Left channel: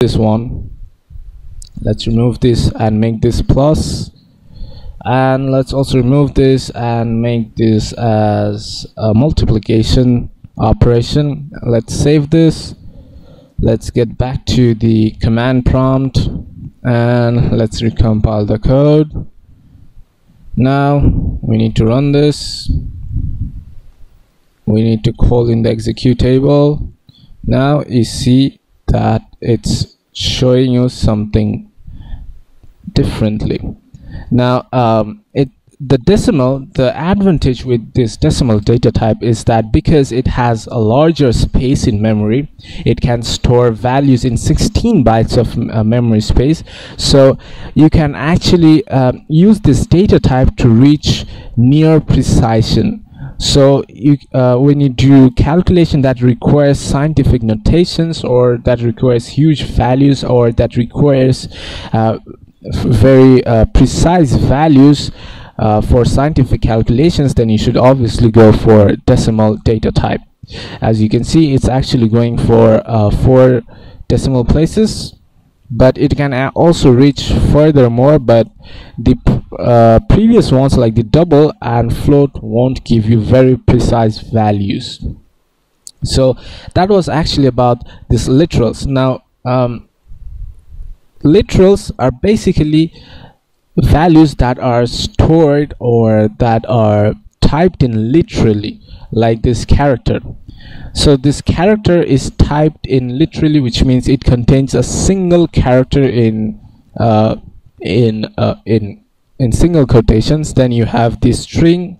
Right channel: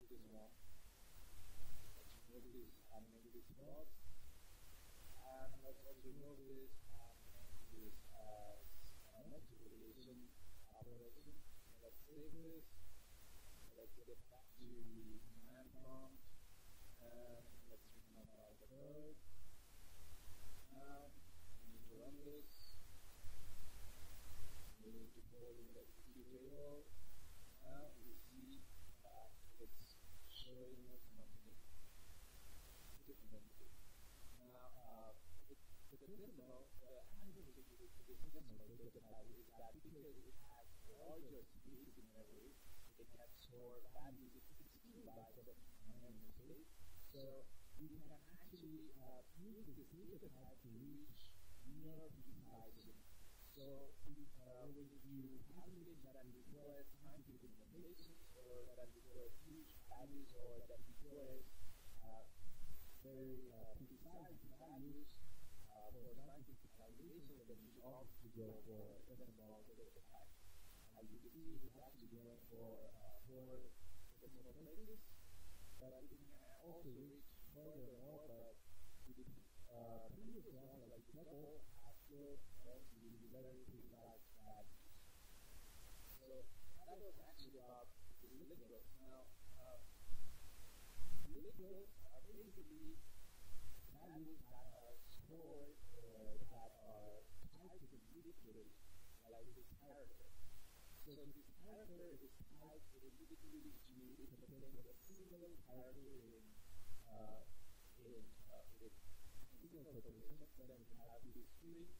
this one. Let's remove this and make this plus, and let's also remove this and make this as a multiplication operation. Let's save this. Let's get back to the command prompt and let's recompile the code. Now we need to run this. We need to call in the executable. Now you see that it's showing you something differently. Now the advantage with this decimal data type is that because it has a larger space in memory, it can store values in 16 bytes of memory space. So you can actually use this data type to reach near precision. So you when you do calculation that requires scientific notations, or that requires huge values, or that requires very precise values for scientific calculations, then you should obviously go for decimal data type. As you can see, it's actually going for 4 decimal places, but it can also reach furthermore, but the previous ones like the double and float won't give you very precise values. So that was actually about this literals. Now literals are basically values that are stored or that are typed in literally, like this character. So this character is typed in literally, which means it contains a single character in single quotations. Then you have the string,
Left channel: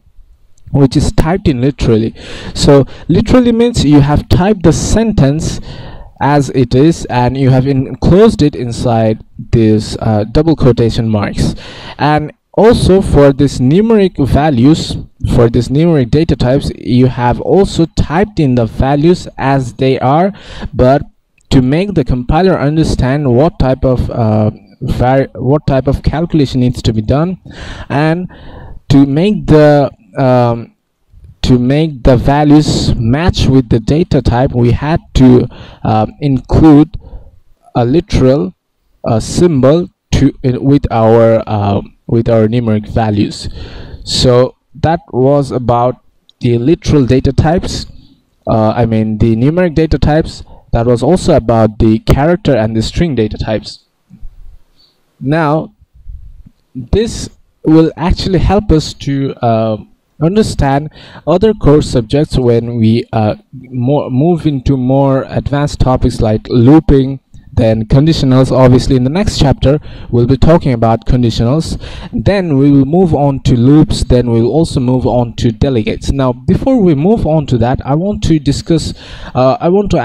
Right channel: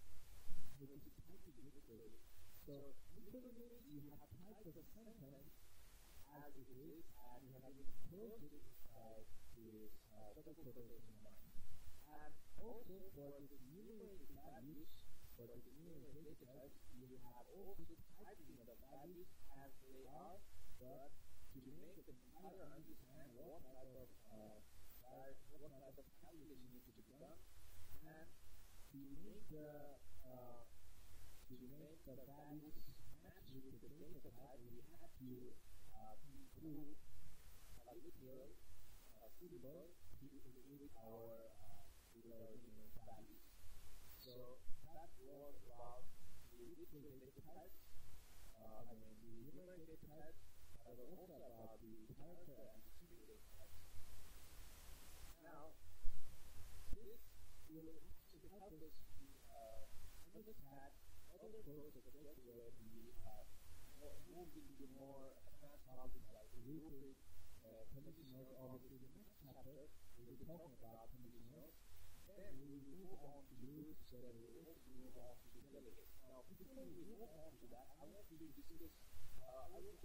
which is typed in literally. So literally means you have typed the sentence as it is and you have enclosed it inside this double quotation marks. And also for this numeric values, for this numeric data types, you have also typed in the values as they are, but to make the compiler understand what type of calculation needs to be done, and to make the values match with the data type, we had to include a literal symbol with our numeric values. So that was about the literal data types. I mean the numeric data types. That was also about the character and the string data types. Now this will actually help us to understand other course subjects when we move into more advanced topics like looping, then conditionals. Obviously in the next chapter we'll be talking about conditionals, then we will move on to loops, then we'll also move on to delegates. Now before we move on to that, I want to discuss I want to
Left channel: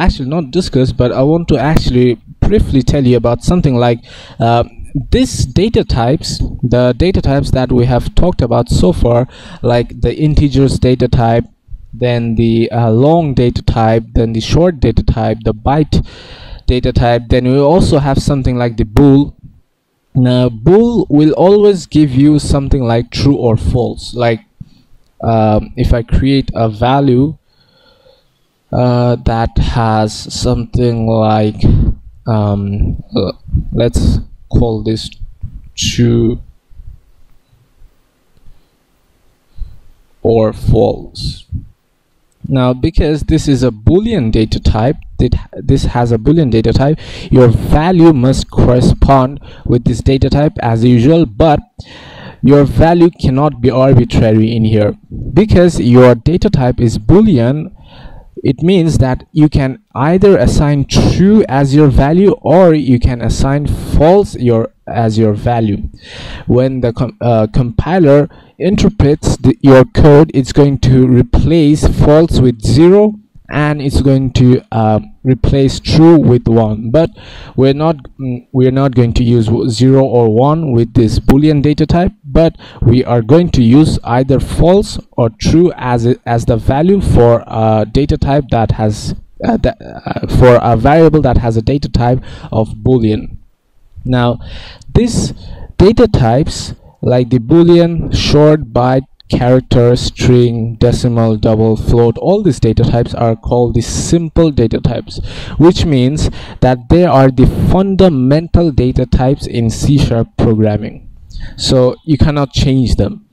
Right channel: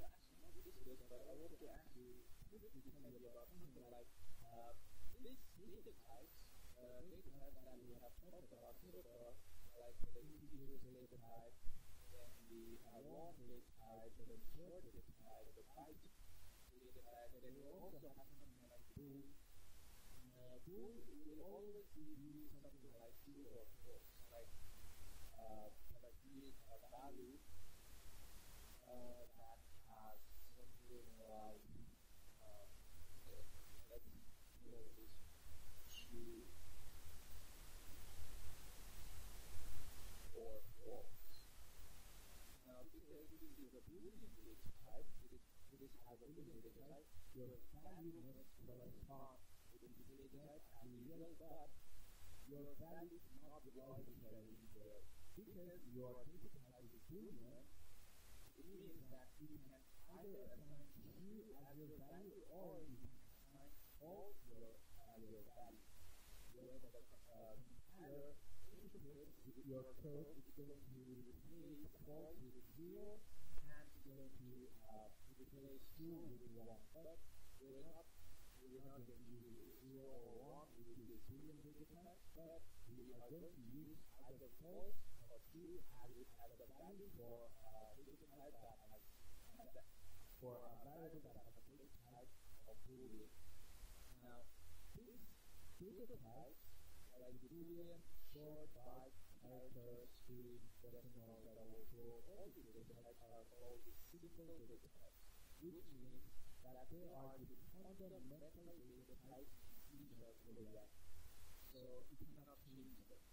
actually briefly tell you about something like these data types, the data types that we have talked about so far, like the integers data type, then the long data type, then the short data type, the byte data type, then we also have something like the bool. Now bool will always give you something like true or false. Like if I create a value that has something like let's call this true or false. Now because this is a Boolean data type, this has a Boolean data type, your value must correspond with this data type as usual, but your value cannot be arbitrary in here. Because your data type is Boolean, it means that you can either assign true as your value or you can assign false as your value. When the compiler interprets your code, it's going to replace false with 0 and it's going to replace true with 1. But we're not going to use 0 or 1 with this Boolean data type, but we are going to use either false or true as the value for a data type that has for a variable that has a data type of Boolean. Now these data types like the Boolean, short, byte, character, string, decimal, double, float, all these data types are called the simple data types, which means that they are the fundamental data types in C# programming. So you cannot change them.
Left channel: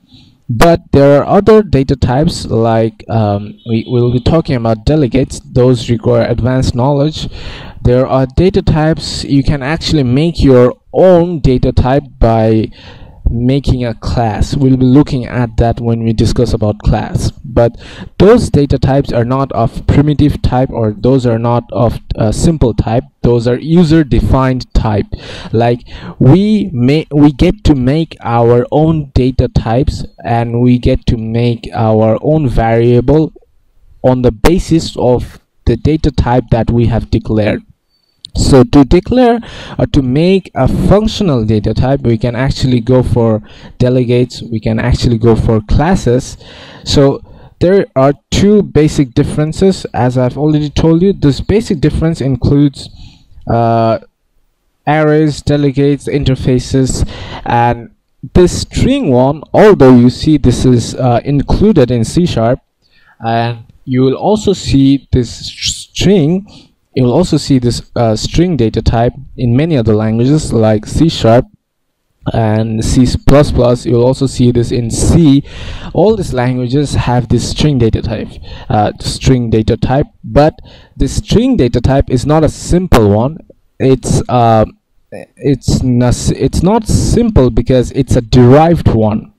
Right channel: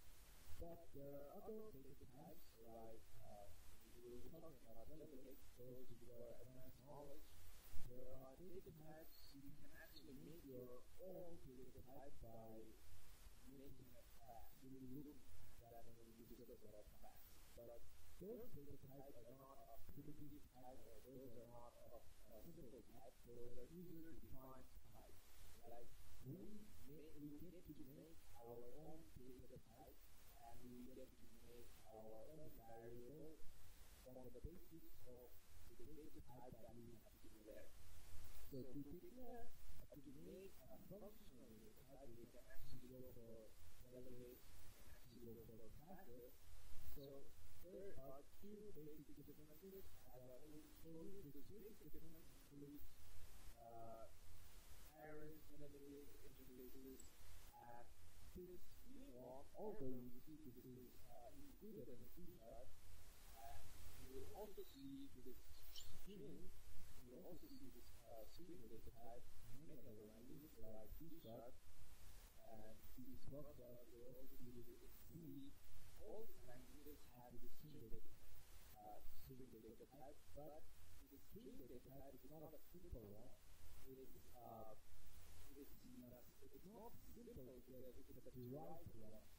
But there are other data types, like we will be talking about delegates. Those require advanced knowledge. There are data types you can actually make your own data type by making a class. We'll be looking at that when we discuss about class. But those data types are not of primitive type, or those are not of simple type. Those are user defined type. Like we get to make our own data types, and we get to make our own variable on the basis of the data type that we have declared. So to declare or to make a functional data type, we can actually go for delegates, we can actually go for classes. So there are two basic differences, as I've already told you. This basic difference includes arrays, delegates, interfaces, and this string one, although you see this is included in C#, and you will also see this string. You will also see this string data type in many other languages like C# and C++. You will also see this in C. All these languages have this string data type, but this string data type is not a simple one. It's not simple because it's a derived one.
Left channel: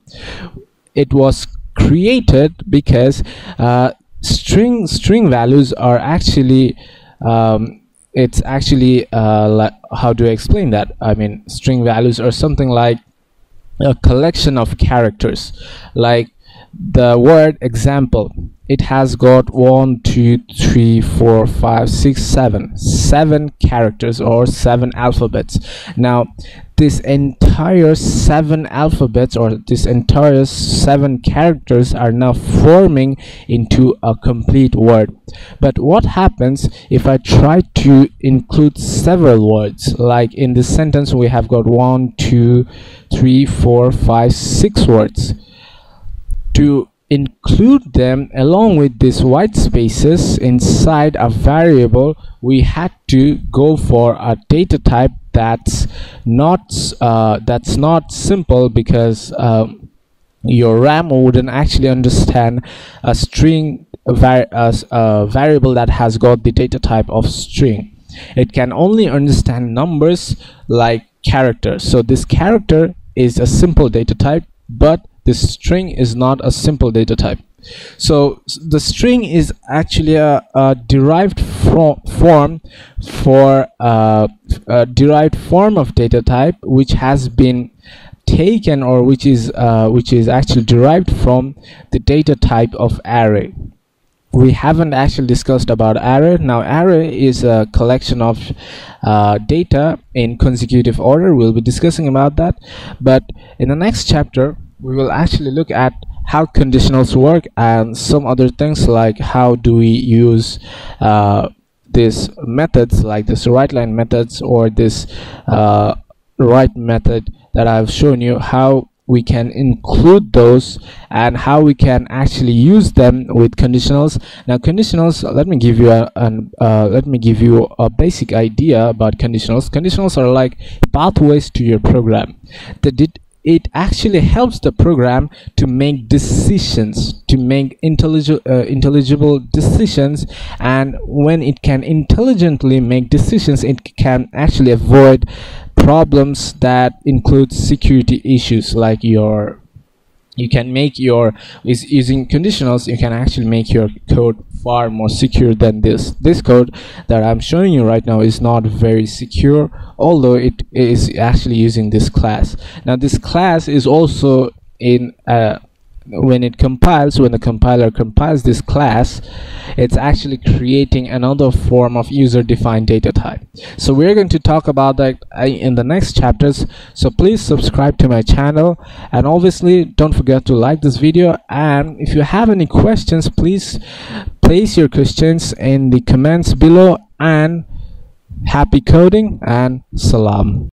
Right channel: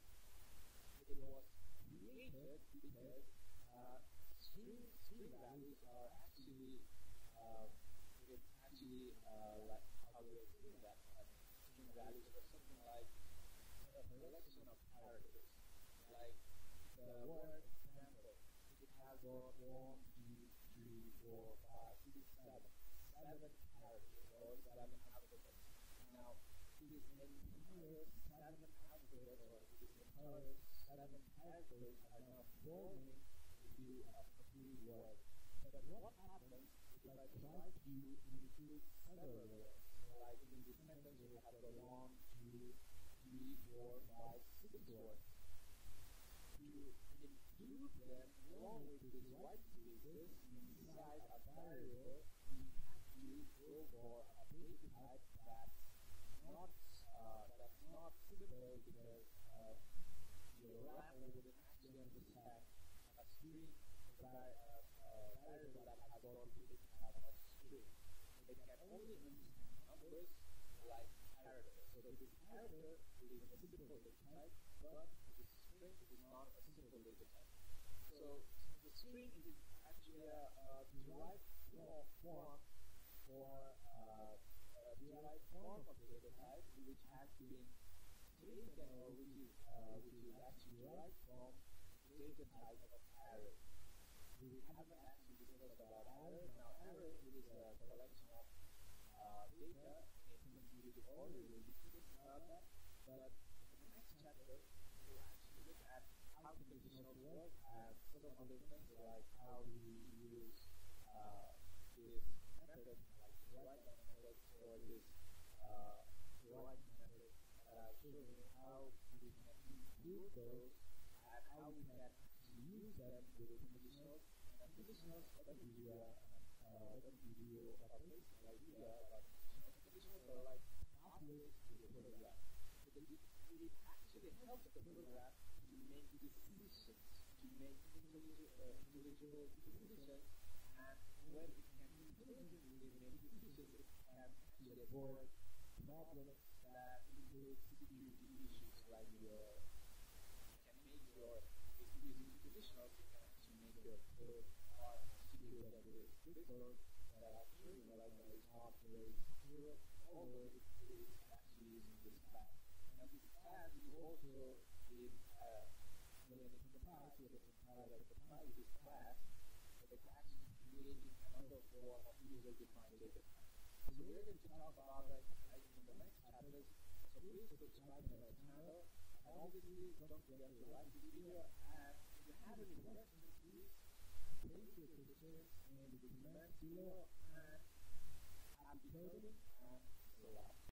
It was created because string values are actually it's actually like, how do I explain that? I mean, string values are something like a collection of characters. Like the word example, it has got 1, 2, 3, 4, 5, 6, 7 characters, or 7 alphabets. Now this entire 7 alphabets, or this entire 7 characters, are now forming into a complete word. But what happens if I try to include several words? Like in this sentence we have got 1, 2, 3, 4, 5, 6 words. To include them along with these white spaces inside a variable, we had to go for a data type that's not simple, because your RAM wouldn't actually understand a string variable that has got the data type of string. It can only understand numbers like characters. So this character is a simple data type, but this string is not a simple data type. So the string is actually a derived form for a derived form of data type, which has been taken, or which is actually derived from the data type of array. We haven't actually discussed about array. Now array is a collection of data in consecutive order. We'll be discussing about that, but in the next chapter we will actually look at how conditionals work and some other things, like how do we use these methods, like this right line methods, or this right method that I've shown you, how we can include those and how we can actually use them with conditionals. Now conditionals, let me give you a basic idea about conditionals. Conditionals are like pathways to your program. It actually helps the program to make decisions, to make intelligible decisions, and when it can intelligently make decisions, it can actually avoid problems that include security issues. Like using conditionals, you can actually make your code far more secure than this code that I'm showing you right now is not very secure, although it is actually using this class. Now this class is also in when the compiler compiles this class, it's actually creating another form of user-defined data type. So we're going to talk about that in the next chapters. So please subscribe to my channel, and obviously don't forget to like this video, and if you have any questions, please place your questions in the comments below, and happy coding and salam.